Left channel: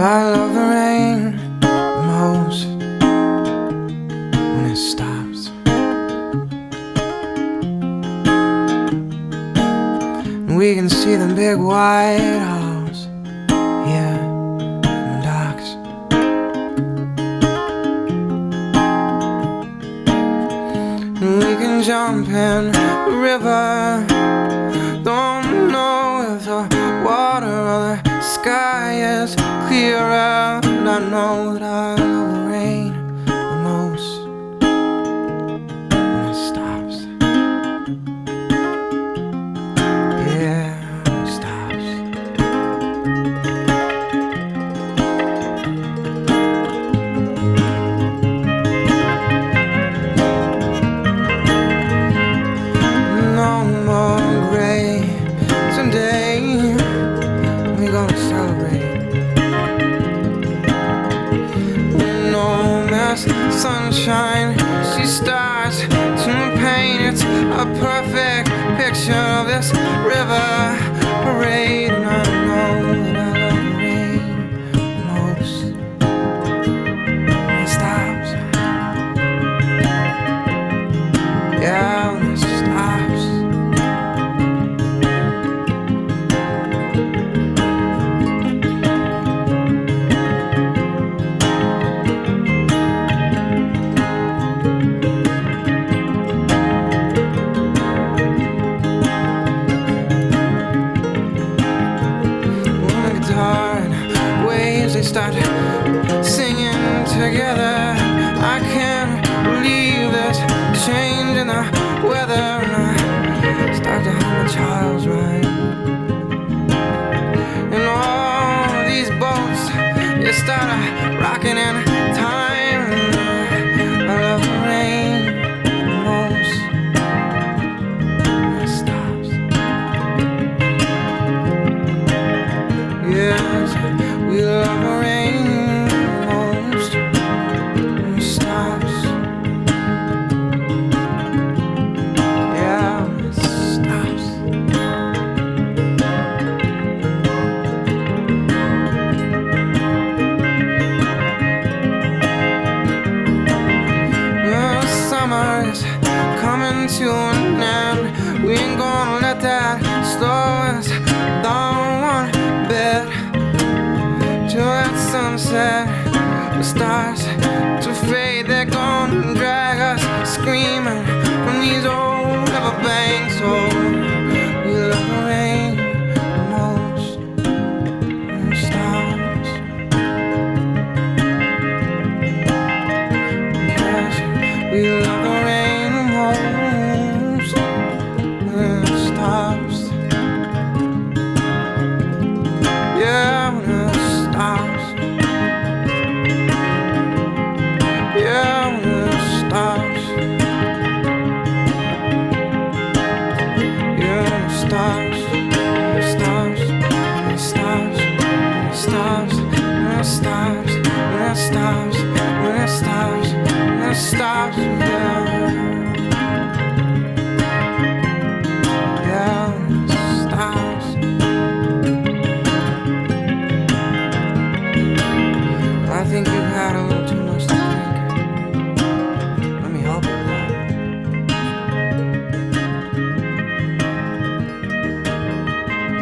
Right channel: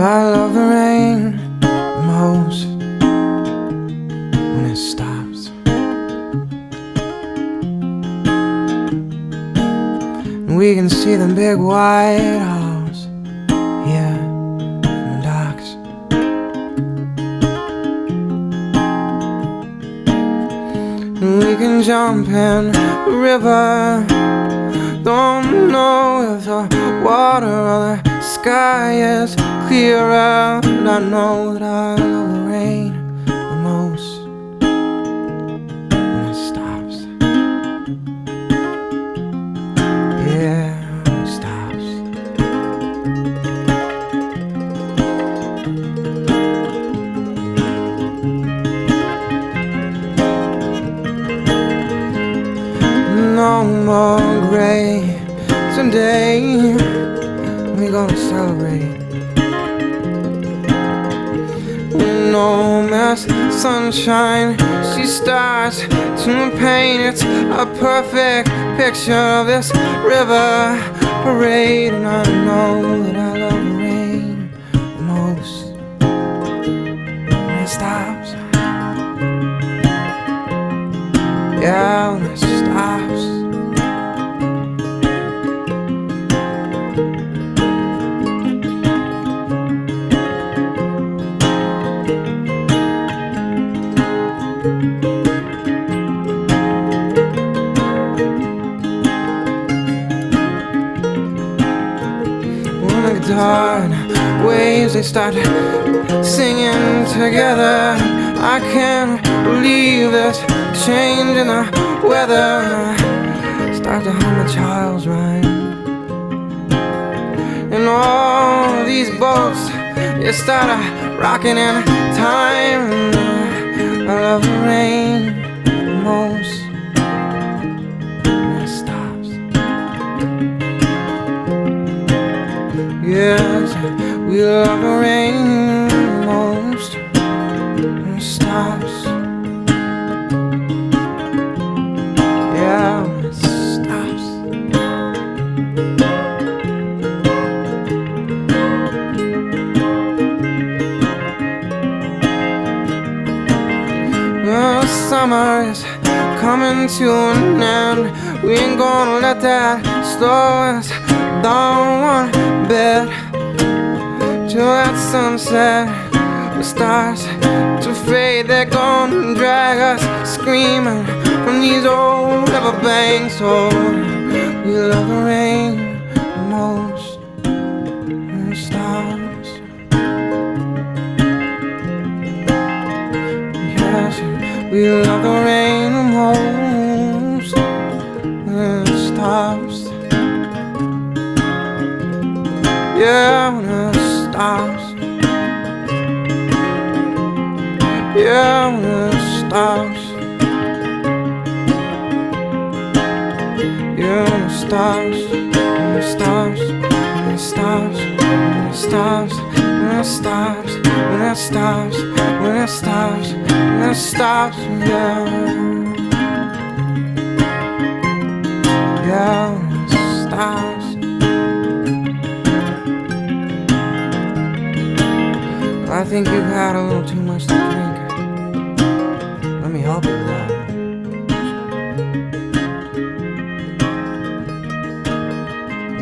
I love the rain most when it stops. We can see the big white house, yeah, in the docks. And we can jump in the river. Don't know if the water or the sky is clearer, but I know that the rain knows when it stops. Yeah, it stops. No more gray. Someday we're gonna celebrate. No mess, sunshine, stars to paint. It's a perfect picture of this river parade. I know. Yeah, stop. Waves that singing together. I can't believe this change in the weather. I can hold a child. And all these folks, they start rocking in time. I love the rain. Yeah, we love the rain. Stop. Yeah. The summer coming to an end. We ain't gonna let that go. Don't want bed till that sunset starts to fade. They're gonna drag us screaming from these old riverbanks. Oh, we love the rain. We love the rain. Yeah, we'll stop. Yeah, we'll stop. Yeah, we'll stop. We'll stop. We'll stop. We'll stop. We'll stop. We'll stop. Yeah. Yeah, we'll stop. I think you've had a little too much to drink. Let me walk it down.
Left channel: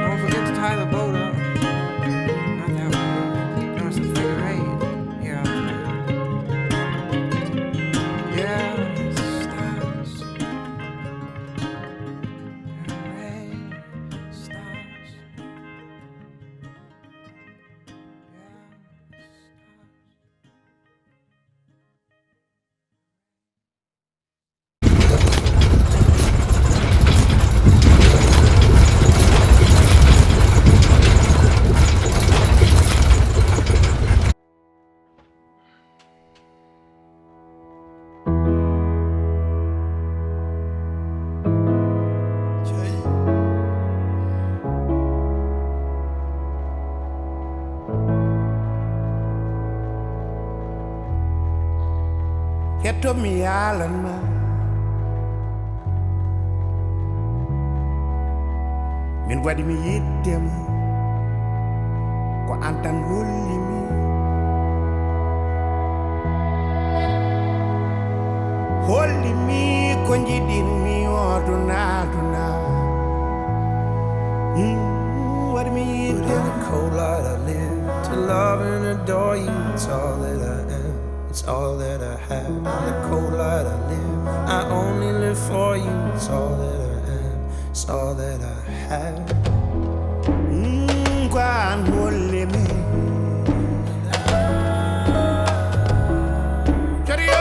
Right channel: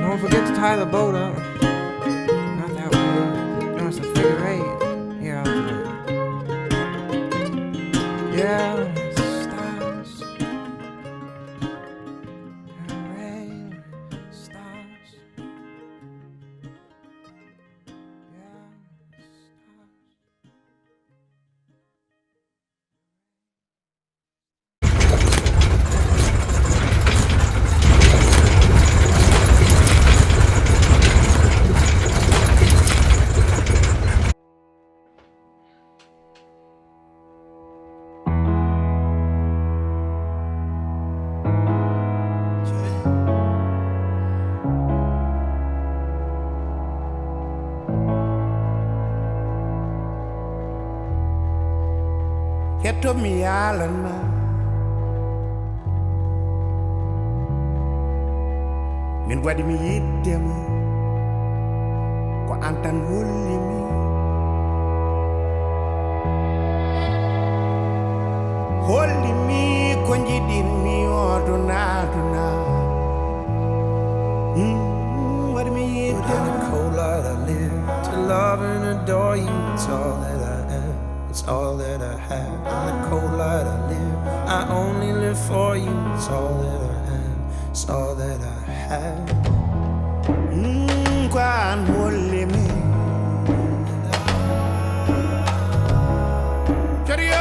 Don't forget to tie the boat up. It's getting rain. Yeah. Get to me island man. Min waɗi mi yiddema kwa antan wulli mi holli mi ko jidin mi oduna what me in the cold light I live to love and adore you. It's all that I am, it's all that I have. In the cold light I live, I only live for you. It's all that I am, it's all that I have. Kwan holy me Chario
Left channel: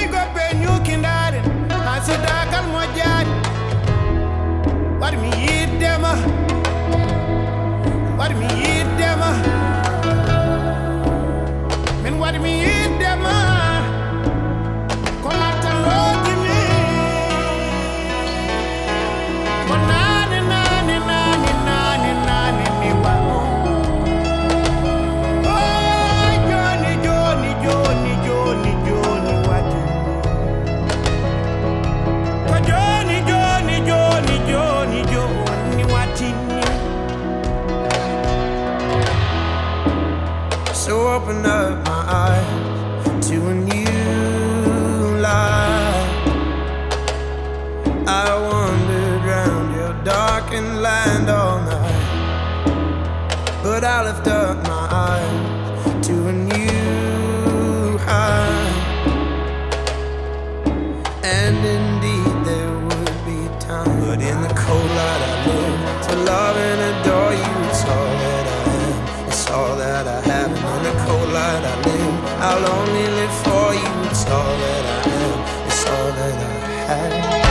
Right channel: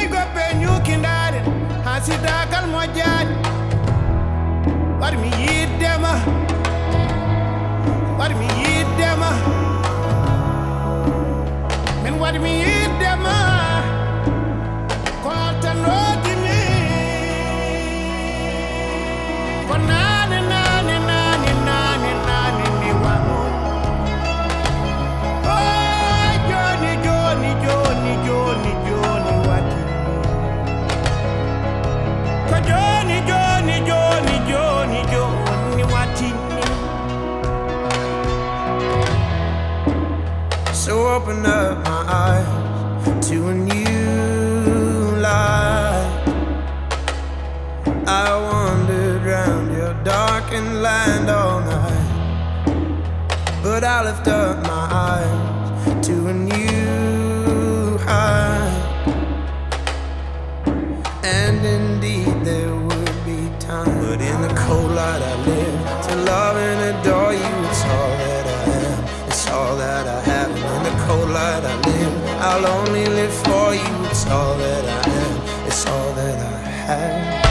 you got pen you kindarin hasida kal mojad what me eat them what me eat them men what me eat them kolatan roti me konane nane ni wa oh Johnny what ko Johnny what so open up my eyes to a new life. I wandered round your darkened land all night, but I lift up my eyes to a new height. And indeed there would be time, but in the cold light I live to love and adore you. It's all that I am, it's all that I have. And in the cold light I live, I'll only live for you. It's all that I am, it's all that I have.